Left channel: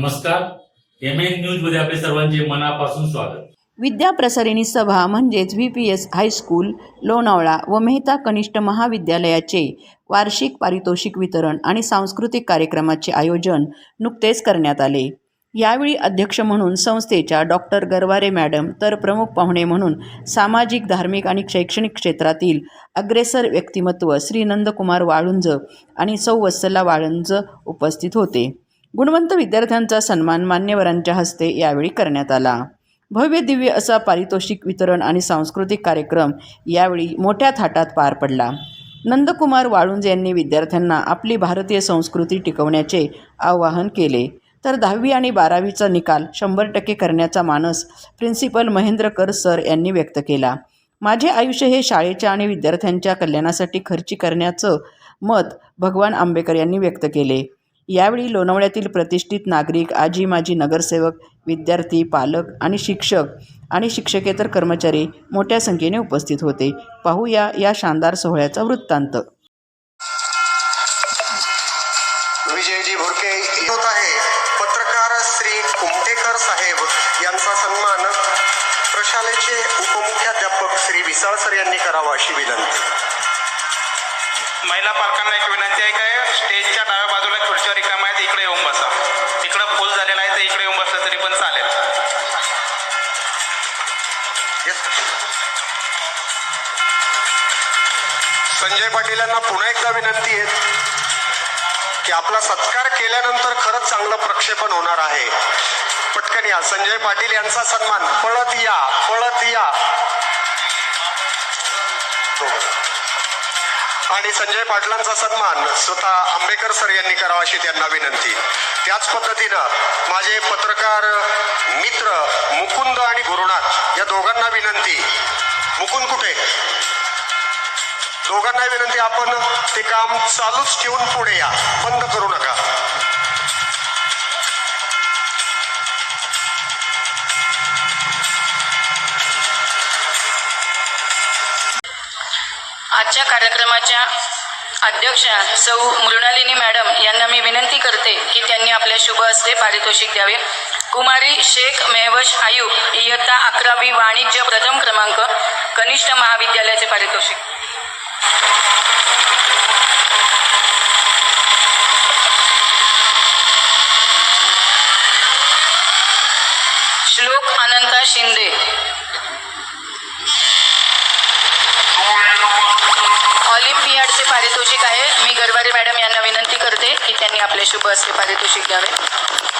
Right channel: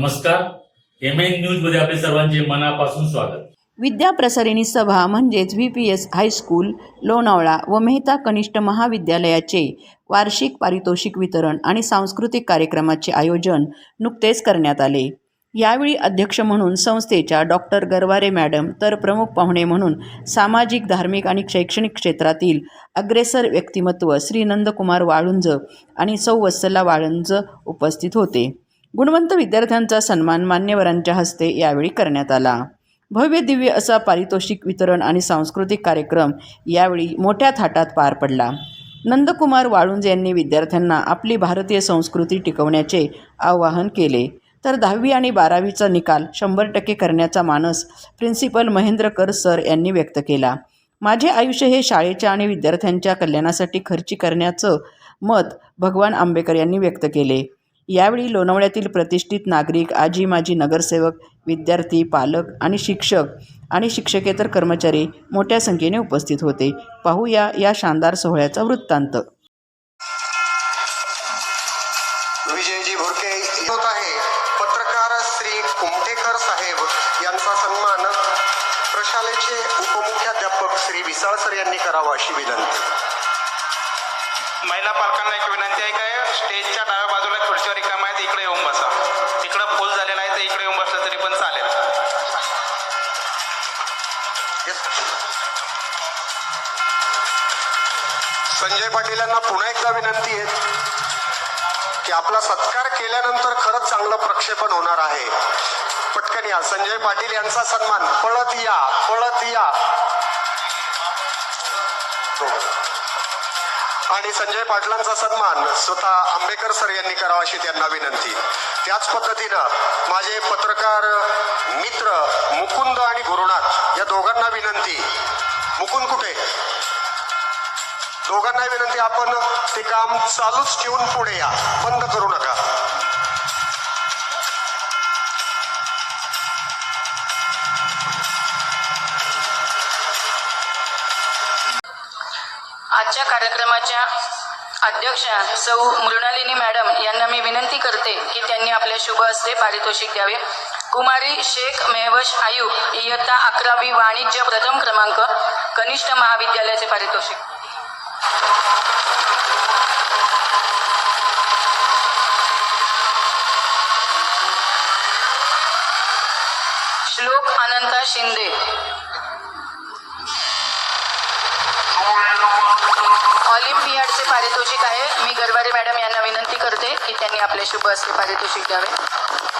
नमस्कार. M N न्यूजमध्ये आपले सर्वांचे मनापासून स्वागत. विद्या प्रसारिणी सभा म्हणजेच V P S high school Lonavala व मेहता कनिष्ठ महाविद्यालयाचे वार्षिक पारितोषिक वितरण आणि सांस्कृतिक कार्यक्रमाचे आयोजन नुकतेच करण्यात आले. यावेळी अध्यक्ष म्हणून संस्थेच्या डॉक्टर गरवारे मॅडम तर प्रमुख पाहुणे म्हणून सामाजिक धार्मिक आणि शैक्षणिक क्षेत्रातील अग्रेसर व्यक्तिमत्व श्री नंदकुमार वाळुंज आणि सौ वत्सला वाळुंज उपस्थित होते. गुणवंत विद्यार्थ्यांचा सन्मान मान्यवरांच्या हस्ते यावेळी करण्यात आला. भव्य दिव्य असा पारितोषिक वितरण आणि सांस्कृतिक कार्यक्रम यावेळी मोठ्या थाटात पार पडला. नंदकुमार वाळुंज यांनी विद्यार्थ्यांना आपली भारतीय संस्कृती टिकवण्याचे आवाहन केले. तर दहावी आणि बारावीचा निकाल शंभर टक्के करण्याचा मानस प्रिन्सिपल महेंद्रकर सर यांनी व्यक्त केला. माझे आयुष्य हे शाळेच्या आणि विद्यार्थ्यांच्या कल्याणासाठी खर्ची करण्याचं मत भगवान आंबेकर यांनी व्यक्त केले. यावेळी लोणावळ्यातील प्रतिष्ठित नागरिक आजी माजी नगरसेवक विद्यार्थी पालक आणि शिक्षक आणि शिक्षकेतर कर्मचारी मोठ्या संख्येने उपस्थित होते. पाहूया या शानदार सोहळ्याचा वृत्तांत. विजयजी भुरके होत आहे. पत्रकार श्री कुमटेकर साहेब यांचा सन्मान प्रशालेचे उपमुख्याध्यापक श्री विसाळ सर यांनी करावा अशी विनंती. महिला पालकांना एक विनंती आहे काय स्टेजच्या डाव्या बाजूला खुर्चीवर रिकाम आहेत इकडे येऊन बसा. तिकडं फुल झालेला आहे तर इकडे येऊन बसलं तरी पण चालेल. संजय पाटील यांना पुन्हा एकदा विनंती आहे की आपला सत्कार केल्यानंतर खरंच चांगलं प्रक्षेपण होणार आहे. पटकन या. संजय पाटील यांचा सन्मान. पळत या पळत या. आणि संजय पाटलांचा सन्मान स्वतः आंबेकर सर यांनी करावा अशी त्यांना विनंती. त्याच पद्धतीनं माझे पत्रकार मित्र मुकुंद आणि गुरुनाथ या दोघांना विनंती. मुकुंद कुठे? दोघांना विनंती आपण ते काम चालूच ठेवून पुढे या. बंद करू नका. आजच्या कार्यक्रमाच्या अध्यक्षा सौ मृणालिनी मॅडम यांना मी विनंती करते की त्यांनी आपल्या शुभ हस्ते पारितोषिक द्यावे. कुमारी शेख मेहवश आयुब इयत्ता अकरावी वाणिज्य प्रथम क्रमांक कनिष्ठ महाविद्यालयाचे पारितोषिक. श्लोक अनंता शिंदे. पारितोषिक आहे. मी गरवारे मॅडम यांना विनंती करते की त्यांनी आपले शुभ असे पारितोषिक द्यावे.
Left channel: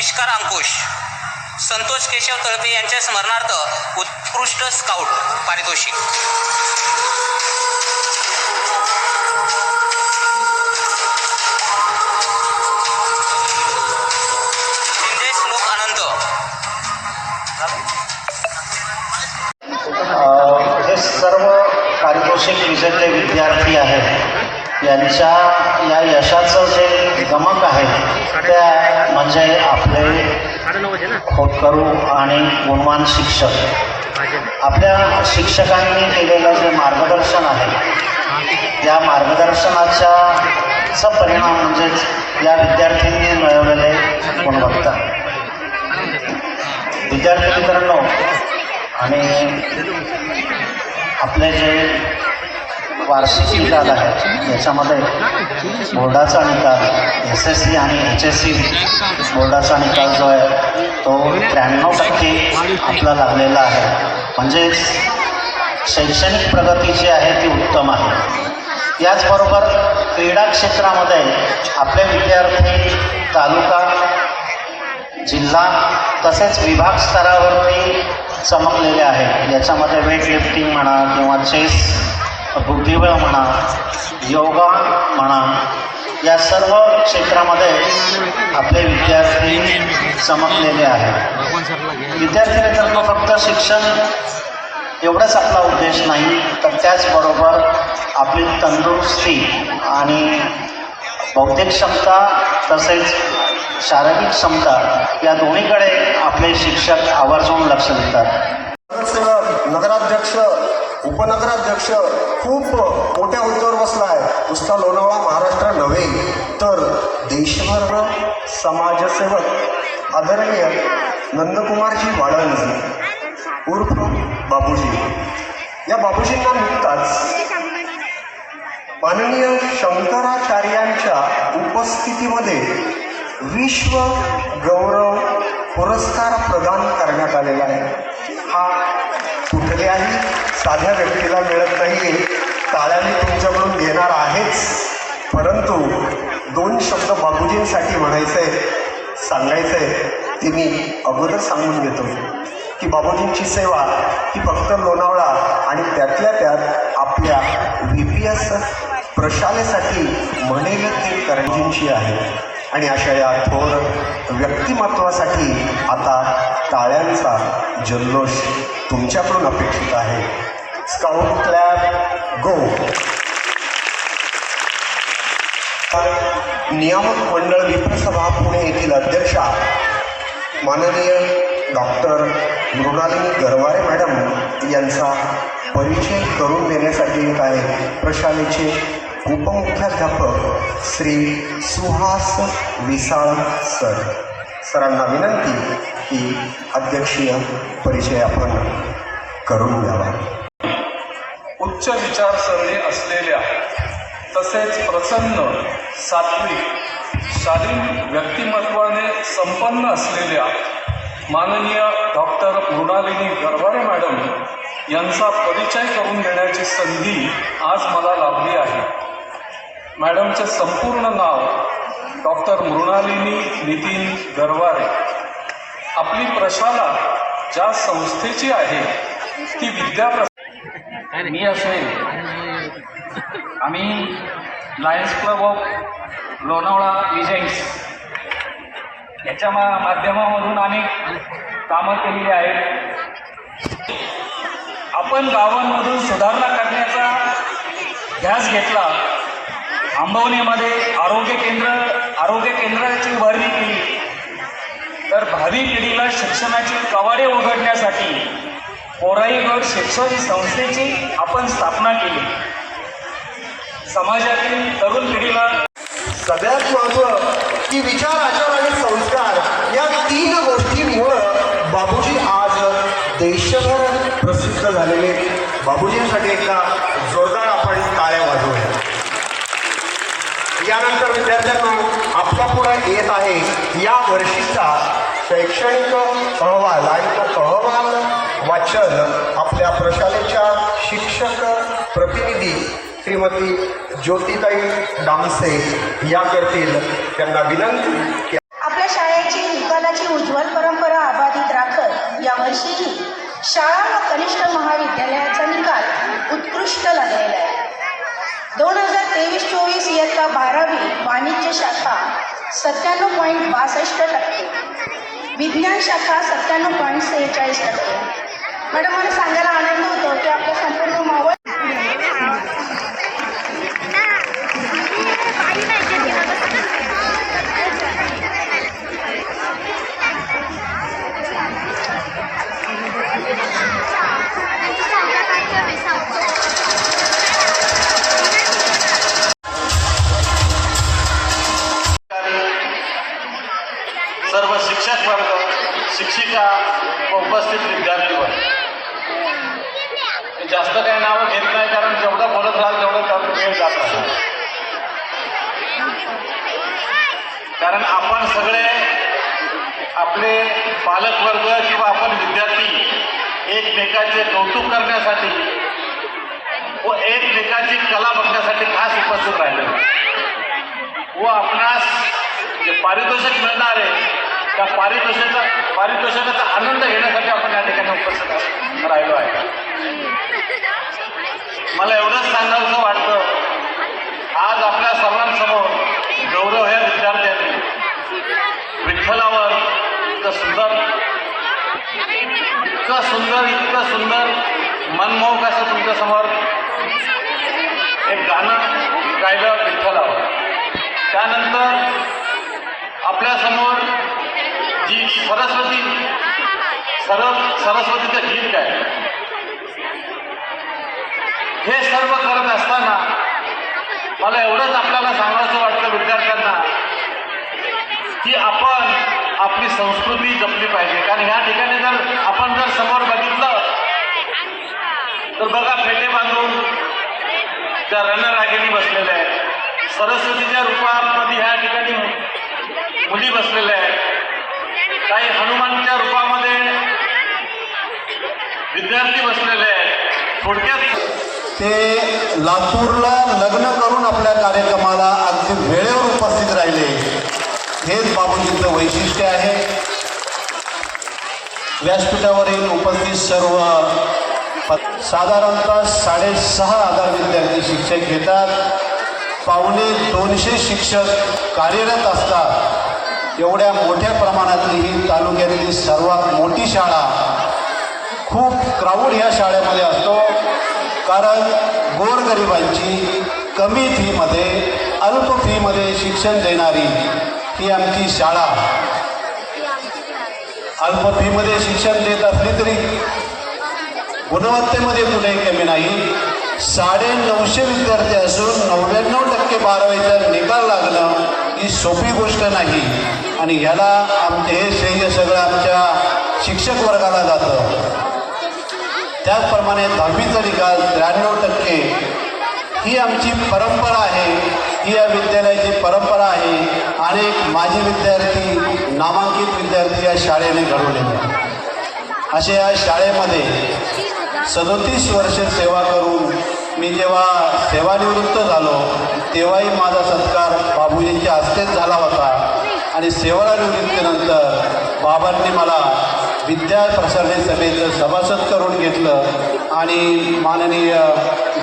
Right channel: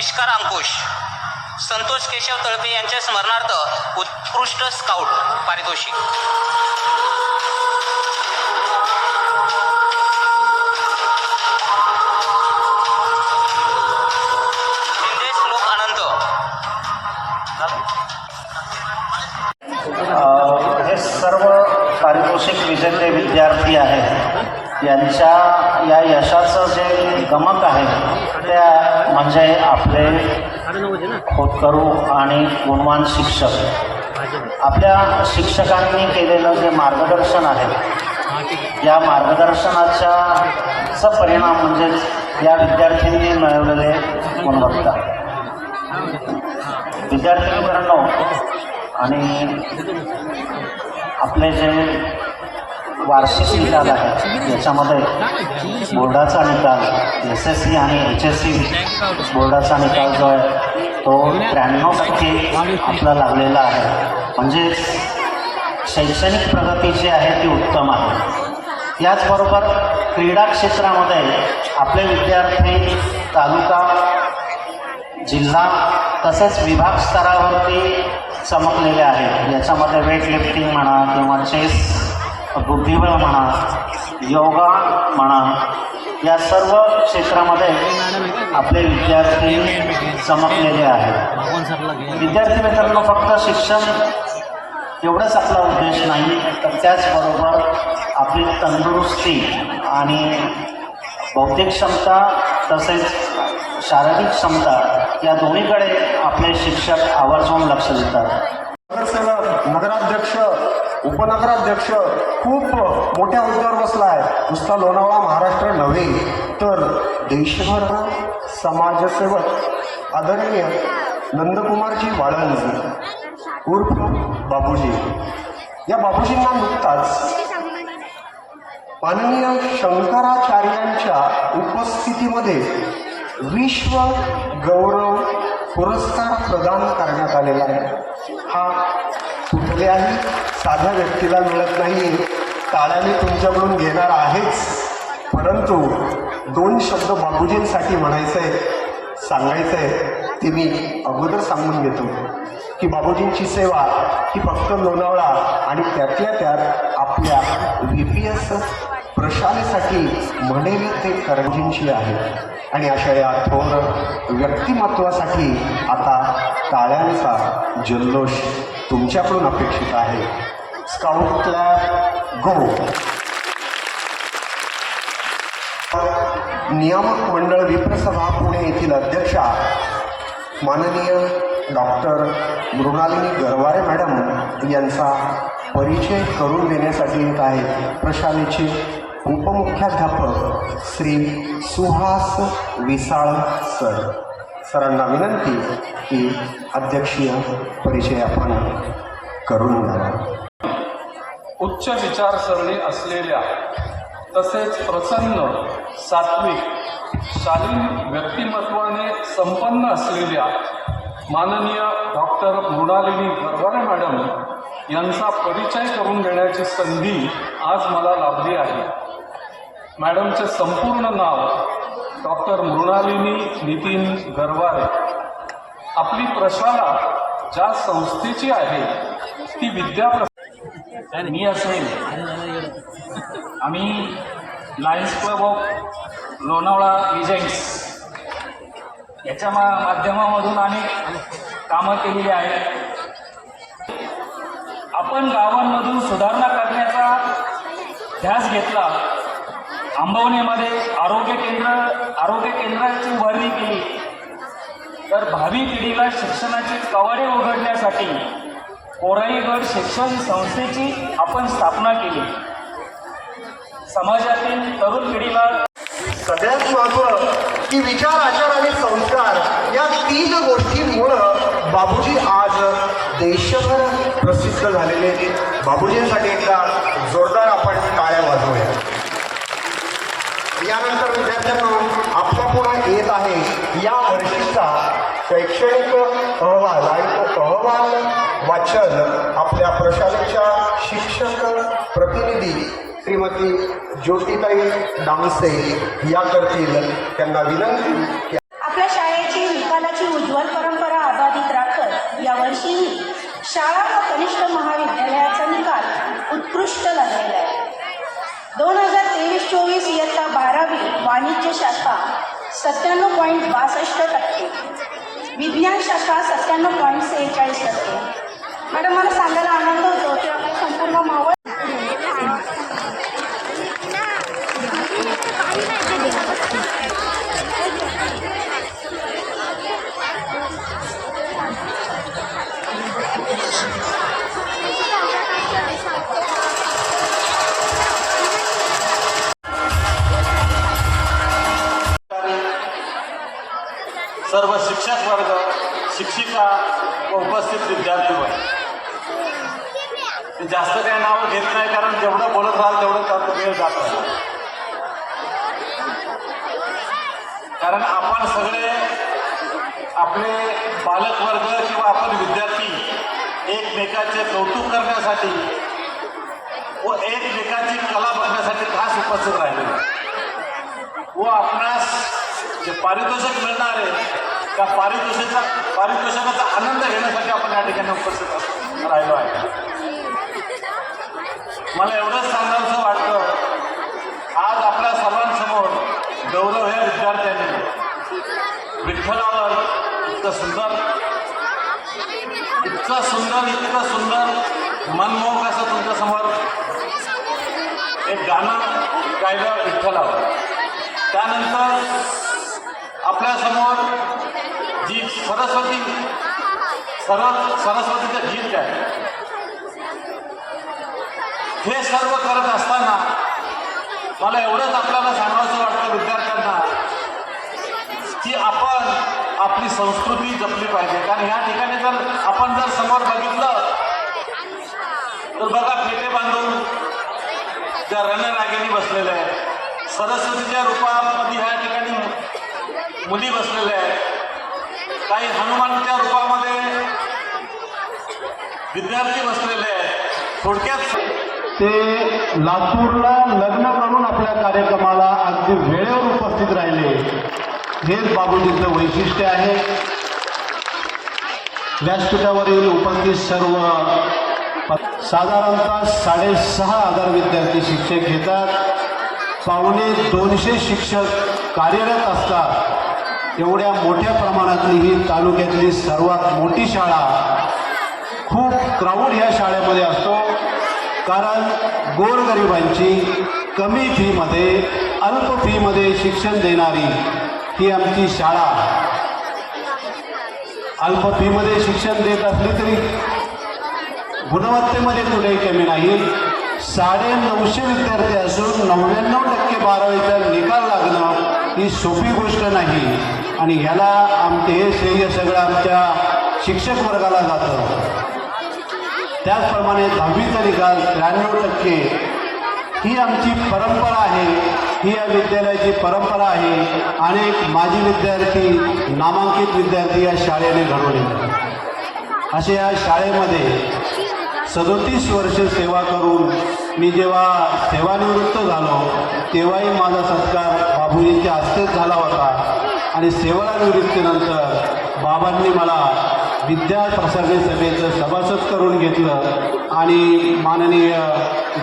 आविष्कार अंकुश संतोष केशव तळपे यांच्या स्मरणार्थ उत्कृष्ट स्काउट पारितोषिक. करू आणि गुणवान शिक्षक. आपल्या शिक्षकांनी केलेलं जे मार्गदर्शन आहे या मार्गदर्शनाच्या परिणाम म्हणजेच या विद्यार्थ्यांनी मिळवलेले गुणवत्ता. विद्यार्थी मित्रांनो आणि आपले जे वार्षिक निकाल आहे. याच्यामध्ये बोर्डाचा निकाल एस एस सी आणि एच एस सी बोर्डाचा निकाल जो आहे तो त्र्याण्णव टक्के आपला लागलेला आहे. म्हणजे शैक्षणिक प्रगती जी आहे ती उत्तम आहे. याचबरोबर क्रीडा क्षेत्रामध्ये आपले विद्यार्थी तालुका जिल्हा तसेच विभाग स्तरावरती चमकलेले आहेत. याच्यामध्ये वेट लिफ्टिंग म्हणा किंवा चेस बुद्धिबळ म्हणा योगा म्हणा या सर्व क्षेत्रामध्ये आपले विद्यार्थी चमकलेले आहेत. विद्यार्थी मित्रांनो फक्त शिक्षण एवढंच आपला उद्देश नाही तर त्याचबरोबर आपली तंदुरुस्ती आणि बौद्धिक क्षमता तसेच शारीरिक क्षमता या दोन्हीकडे आपले शिक्षक आवर्जून लक्ष देतात. उपनगराध्यक्ष खूप मोठ्या हुद्द्यावर बसलाय. नुसता लोणावळा महाराष्ट्र नव्हे तर देशभर समाजसेवक आदरणीय नंदकुमारजी बाळंज उर्फ बाबूजी. या बाबूजींना नुकताच माननीय शंकराचार्यांच्या उपस्थितीमध्ये विश्व गौरव पुरस्कार प्रदान करण्यात आलेला आहे. हा कुठल्याही साध्या व्यक्तीला मिळत नाही. टाळ्याने तुमच्याकडून घेणार आहेच. परंतु दोन शब्द बाबूजींसाठी म्हणायचंय सांगायचंय. ते मी अगोदर सांगून घेतो की बाबूजींची सेवा ही फक्त लोणावळा आणि त्यातल्या त्यात आपल्या व्ही पी एस प्रशालेसाठी म्हणेल ते करंजींची आहे. आणि अशा या थोर व्यक्तिमत्वासाठी आता टाळ्यांचा जल्लोष तुमच्याकडून अपेक्षित आहे. स्काउट क्लॅब गो नियामक मंडळ विप्रसभा पुणे येथील अध्यक्षा माननीय डॉक्टर मृणालिनी गरवारे मॅडम यांचा परिचय करून देण्यासाठी येत आहे. प्रशालेचे उपमुख्याध्यापक श्री सुहास विसाळ सर. सरांना विनंती की अध्यक्षीय परिचय आपण करून द्यावा. उच्च विचारसरणी असलेल्या तसेच प्रसन्न सात्विक शालीन व्यक्तिमत्वाने संपन्न असलेल्या माननीय डॉक्टर मृणालिनी गरवारे मॅडम यांचा परिचय करून देण्याची संधी आज मला लाभली आहे. मॅडमचे संपूर्ण नाव डॉक्टर मृणालिनी नितीन गरवारे. आपली प्रशाला ज्या संस्थेची आहे ती विद्या मी असेल. आम्ही lions club of Lonavala legends याच्या मा माध्यमामधून अनेक कामं केलेली आहेत. आपण गावांमधून सुधारणा करण्याचा ध्यास घेतला. आंबवणीमध्ये आरोग्य केंद्र आरोग्य केंद्राची उभारणी केली. तर भावी पिढीला शिक्षणाची कवाडे उघडण्यासाठी कोराईगड शिक्षण संस्थेची आपण स्थापना केली. समाजातील तरुण पिढीला सगळ्यात महत्त्व की विचार आचार आणि संस्कार या तीन गोष्टींमुळं बाबूजी आज देशभर प्रसिद्ध झालेले बाबूजींसाठी एकदा जोरदार आपण टाळ्या वाजवूया यानंतर विद्यार्थ्यांनो आपल्या पुढे येत आहे. या वर्षीचा शैक्षणिक अहवाल आणि तो अहवाल वाचन आपल्या प्रशालेच्या शिक्षक प्रतिनिधी श्रीमती ज्योतिताई डांसे या करतील त्यांना विनंती आपल्या शाळेची निकालाची उज्ज्वल परंपरा अबाधित राखत यावर्षीही शाळा व कनिष्ठ महाविद्यालयाचा निकाल उत्कृष्ट लागलेला आहे. दोन हजार तेवीस चोवीस इयत्ता बारावी वाणिज्य शाखा सत्त्याण्णव पॉईंट बासष्ट टक्के. विज्ञान शाखा सत्त्याण्णव पॉईंट सेहेचाळीस टक्के. मॅडम मला सांगायला नावं घेत नाही कारण जेवढं बोलत राहाल तेवढं त्यात वेळ जात कारण आपण सगळे आपले पालकवर्ग किंवा आपण विद्यार्थी एकमेकाचे कौतुक करण्यासाठी व एकमेकाची कला बघण्यासाठी खास उपस्थित राहिले. व आपणास जे पारितोषिक मिळणार आहे त्या पारितोषिका पारितोषिकाचा आनंद घेण्यासाठी आपण या ठिकाणी उपस्थित राहिलो आहे. मला एवढंच सांगायचं वाटतं. आज आपल्या सर्वांसमोर गौरव हे विद्यार्थ्यांनी. विठ्ठलावर इतकं सुंदर इतकं सुंदर इतकं सुंदर मनमोहक असं तुमच्यासमोर एक गाणं गायलं विठ्ठलावर. त्यानंतर आपल्यासमोर जी सरस्वती सर सरस्वतीचं हे सर्व करत असताना मला एवढंच आपल्याला सांगायचं वाटतं विद्यार्थ्यांना की आपण आपली संस्कृती जपली पाहिजे. कारण ह्या ठिकाणी जर आपण जर समोर बघितलं तर बघा फेटे बांधून त्या रणरागिणी बसलेल्या आहेत सरस्वतीच्या रूपामध्ये ह्या ठिकाणी मुली बसलेल्या आहेत. काही हनुमानच्या रूपामध्ये विद्यार्थी बसलेले आहेत. थोडक्यात ते लातूरला लग्न करून आपल्या कार्यक्रमाला अगदी वेळेवर उपस्थित राहिले. हेच बाबूजींचं वैशिष्ट्य आहे. व्यासपीठावरील उपस्थित सर्व साधारणतः साडेसहा हजार विद्यार्थी शिक्षक घेतात. पावणे दोनशे शिक्षक कार्यरत असतात. एवढ्या मोठ्या प्रमाणातली ही तालुक्यातली सर्वात मोठी शाळा खूप क्राऊड ह्या शाळेमध्ये असतो. कारण गोरगरिबांची कमी फीमध्ये अल्प फीमध्ये शिक्षण देणारी ही आमची शाळा. अल्प फीमध्ये शिक्षण देत असली तरी गुणवत्तेमध्ये कुठेही कमी नाही. साडे नऊशे विद्यार्थी असून नव्याण्णव टक्के बारावीचा निकाल लागणं ही सोपी गोष्ट नाही. आणि ह्याला आमचे हे श्रेय सगळं आमच्या शिक्षक वर्गाला जातं. त्याचप्रमाणे दहावीचा निकाल त्र्याण्णव टक्के. ही आमची परंपरा आहे. ही या विद्यालयाची परंपरा आहे. अनेक माजी विद्यार्थी नामांकित विद्यार्थी या शाळेने घडवले असे या शाळेमध्ये सदोतीस वर्ष सेवा करून मी जेव्हा सेवानिवृत्त झालो तेव्हाही माझा सत्कार बाबूजींच्या हस्तेच झाला होता. आणि सेवानिवृत्तीनंतर बाबांनी मला विद्या प्रसारणी सभेचं सभासद करून घेतलं आणि माननीय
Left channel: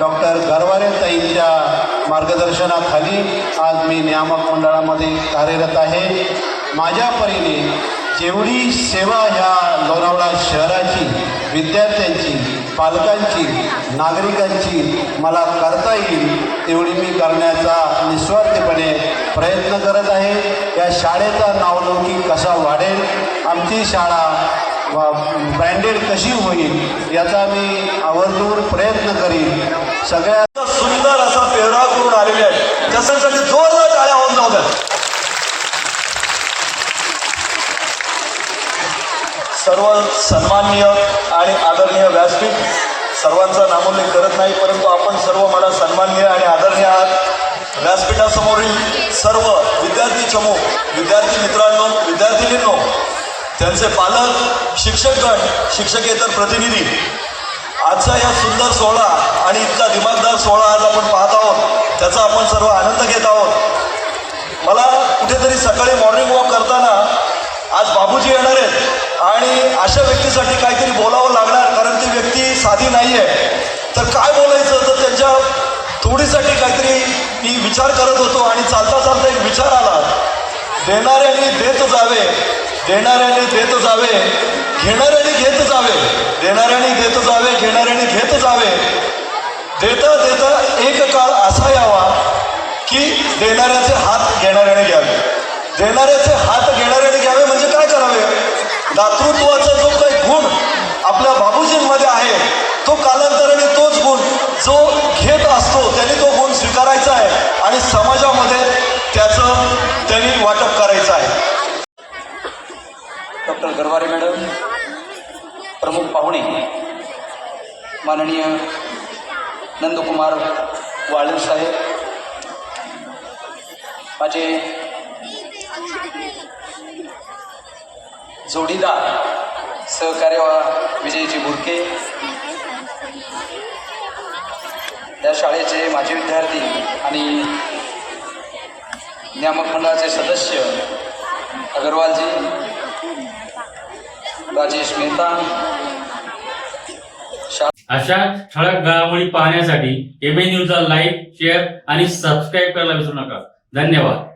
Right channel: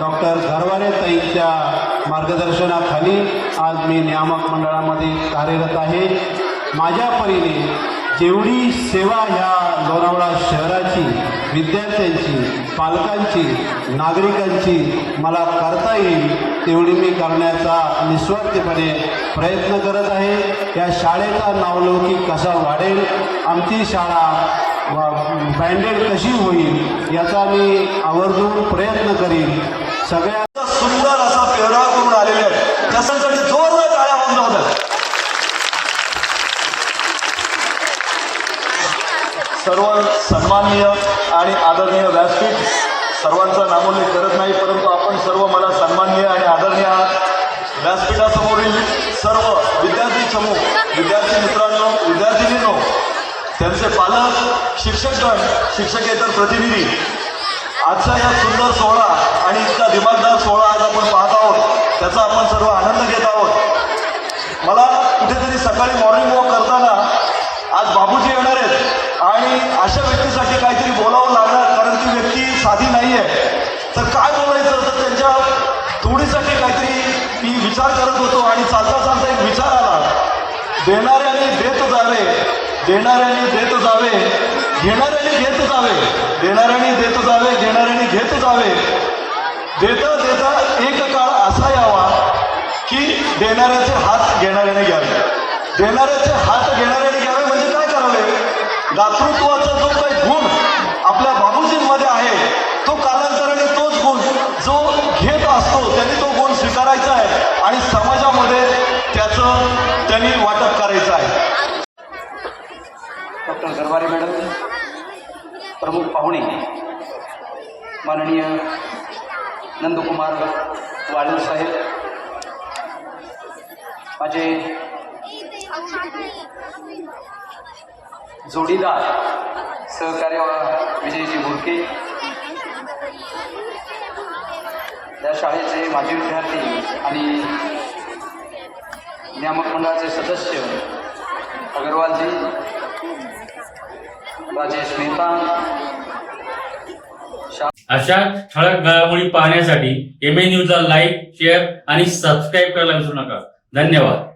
डॉक्टर गरवारे ताईंच्या मार्गदर्शनाखाली आज मी नियामक मंडळामध्ये कार्यरत आहे. माझ्या परीने जेवढी सेवा ह्या लोणावळा शहराची विद्यार्थ्यांची पालकांची नागरिकांची मला करता येईल तेवढी मी करण्याचा निस्वार्थपणे प्रयत्न करत आहे. या शाळेचा नावलौकिक कसा वाढेल? आमची शाळा ब्रँडेड कशी होईल याचा मी आवर्जून प्रयत्न करीन. सगळ्या सुंदर असा पेहराव करून आलेले आहे त्यासाठी जोरदार टाळ्या होऊन जाऊ सर्व सन्माननीय आणि आदरणीय व्यासपीठ सर्वांचा नामोल्लेख करत नाही परंतु आपण सर्व मला सन्माननीय आणि आदरणीय आहात व्यासपीठासमोरील सर्व विद्यार्थी चमू विद्यार्थी मित्र त्यांचे पालक शिक्षकगण शिक्षकेतर प्रतिनिधी. आजचा या सुंदर सोहळा आणि इतका दिमागदार सोहळा आज आपण पाहत आहोत त्याचा आपण सर्व आनंद घेत आहोत. मला कुठेतरी सकाळी मॉर्निंग वॉक करताना आज बाबूजी येणार आहेत आणि अशा व्यक्तीसाठी काहीतरी बोलावं लागणार कारण ती व्यक्ती साधी नाही आहे तर काय बोलायचं? तर त्यांच्या तोडीसाठी काहीतरी मी विचार करत होतो आणि चालता चालता एक विचार आला. देणाऱ्यांनी देत जावे देणाऱ्याने देत जावे घेणाऱ्याने घेत जावे. देणाऱ्याने देत जावे घेणाऱ्याने घेत जावे. देता देता एक काळ असा यावा की देणाऱ्याचे हात घेणाऱ्याने घ्यावे. देणाऱ्याचे हात घेणाऱ्याने घ्यावे म्हणजे काय करावे? दातृत्वाचा जो काही गुण आपल्या बाबूजींमध्ये आहे तो कालांतर तोच गुण जो घेत असतो त्यांनी तो गुण स्वीकारायचा आहे आणि समाजामध्ये त्याचं त्यांनी वाटप करायचं आहे डॉक्टर गरवारे मॅडम प्रमुख पाहुणे माननीय नंदकुमार वाळू साहेब माझे जोडीदार सहकार्य विजयजी बुरके या शाळेचे माजी विद्यार्थी आणि नियामक मंडळाचे सदस्य अगरवालजी राजेश मेहता अशा ठळक घडामोडी पाहण्यासाठी एम ए न्यूजला लाईक शेअर आणि सबस्क्राईब करायला विसरू नका. धन्यवाद.